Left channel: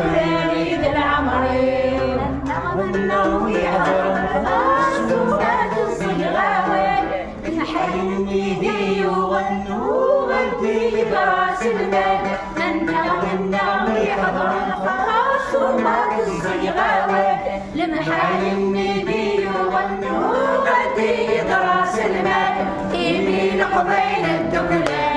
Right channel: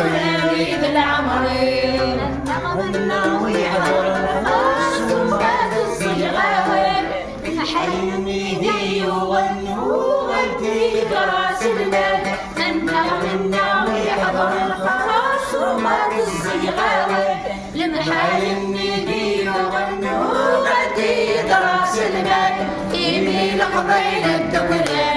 وليد العمري النغمة ويحضر الخاص وفات الصيغاوي حيني يغنوا غدي راس المال النغمة ويحضر الخاص وفات الصيغاوي لمحايني يغنوا غدي راس المال إيدي لقبيل الدكران